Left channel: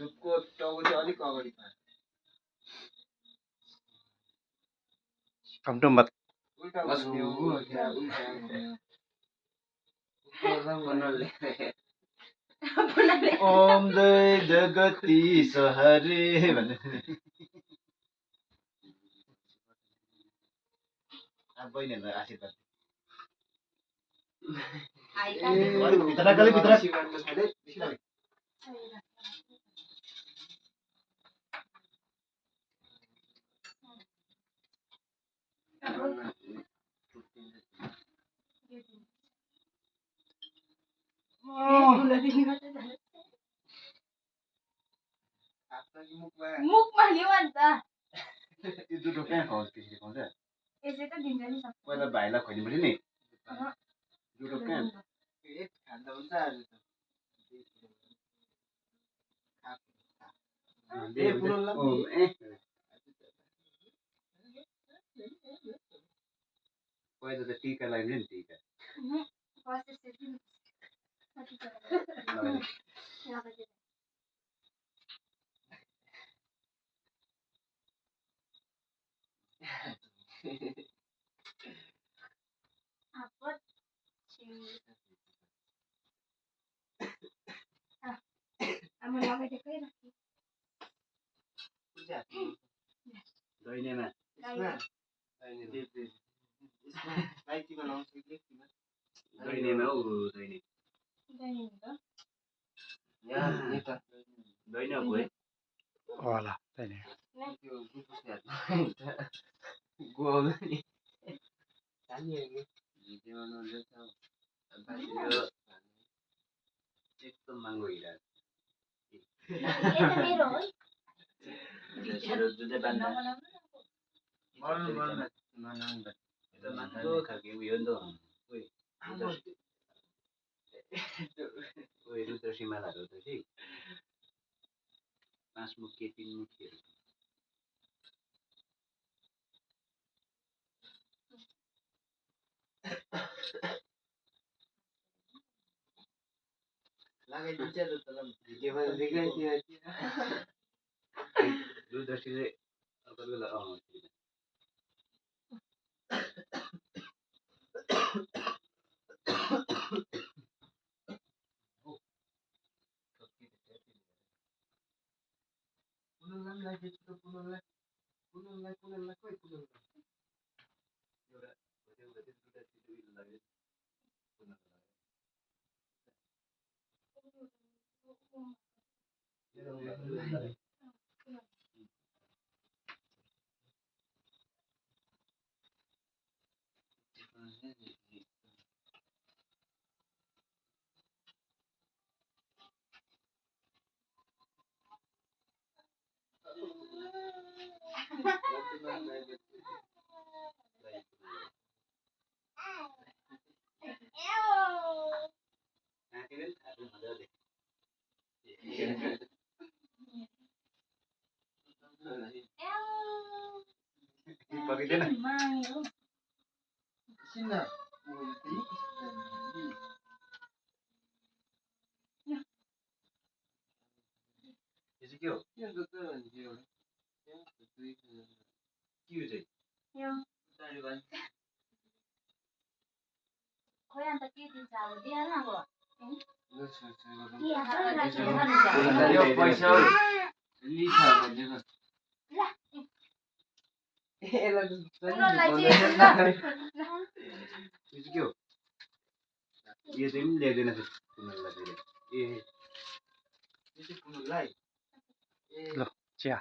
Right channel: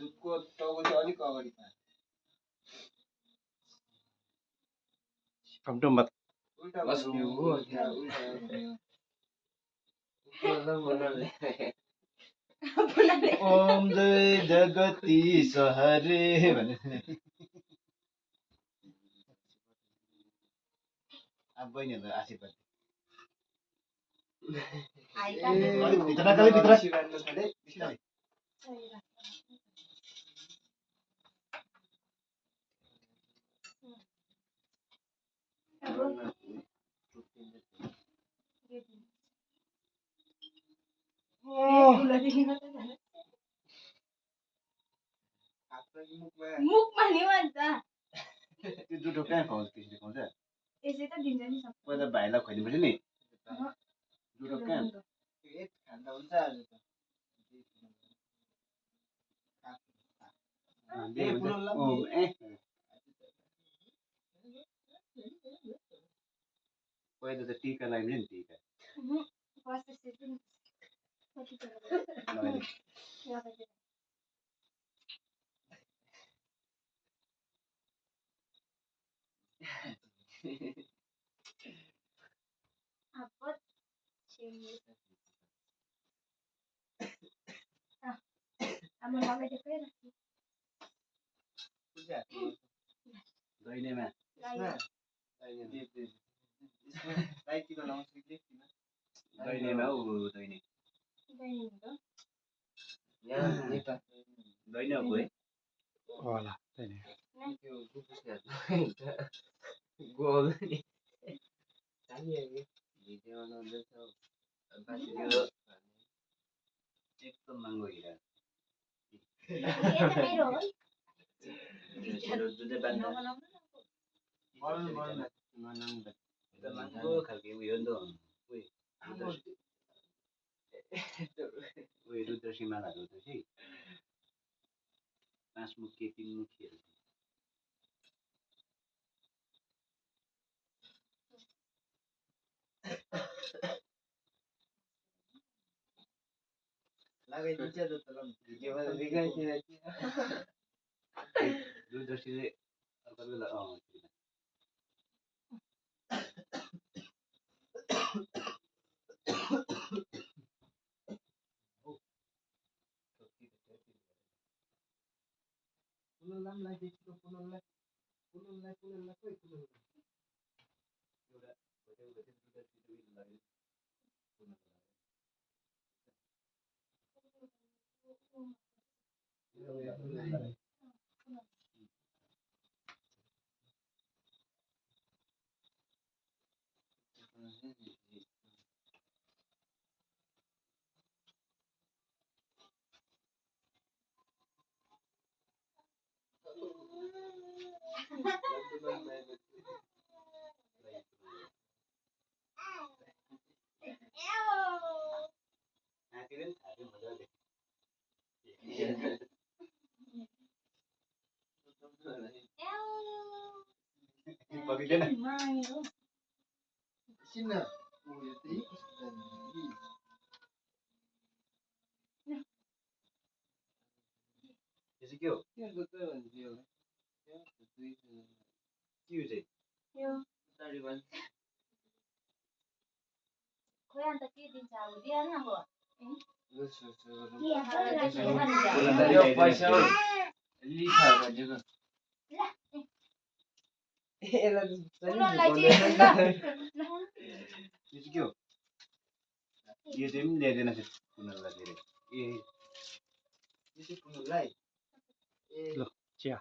दुधको टाउको चाहिँ अलिक अगाडि पार्छ टमटम मत उल्टा घुम्यो उल्टा ओम जय जगदीश हरे भन्ने अब बहिनीहरूलाई आशीर्वाद भित्र मुखमा नि भन्छ त्यो जुठो कहाँ खुवाउँछ त्यसरी खुवाउँछ यसै त दिन्छ नि सब पहिला भाइलाई खुवाइदिनुपर्छ नि जुठो कहाँ खाँदा हुन्छ आज त पहिला त टिका लगाइन्छ नि टिका दैनेमा दैनेमा ऊ दैने दैन गए होला छैन एकदम महँगो हिरा महँगो खालको उयो नि त रुद्रसीमालाहरू त चाहिँ 5 मुखी 3 मुखीहरू लगाइदिन्छ त तँलाई भिडियोमा देखाइदियो रुद्रसीले अर्को बेला पुनलाई बेच्नु पुनलाई खोइ पुनलाई एउटा पकिँदैन के हो खोइ अन्त के दिन्छ अब दिइहाल्नु अब पैसा के हो यो चाहिँ पनि ल्याइदिएन पुनलाई फेरि ए पुनलाई ल चिया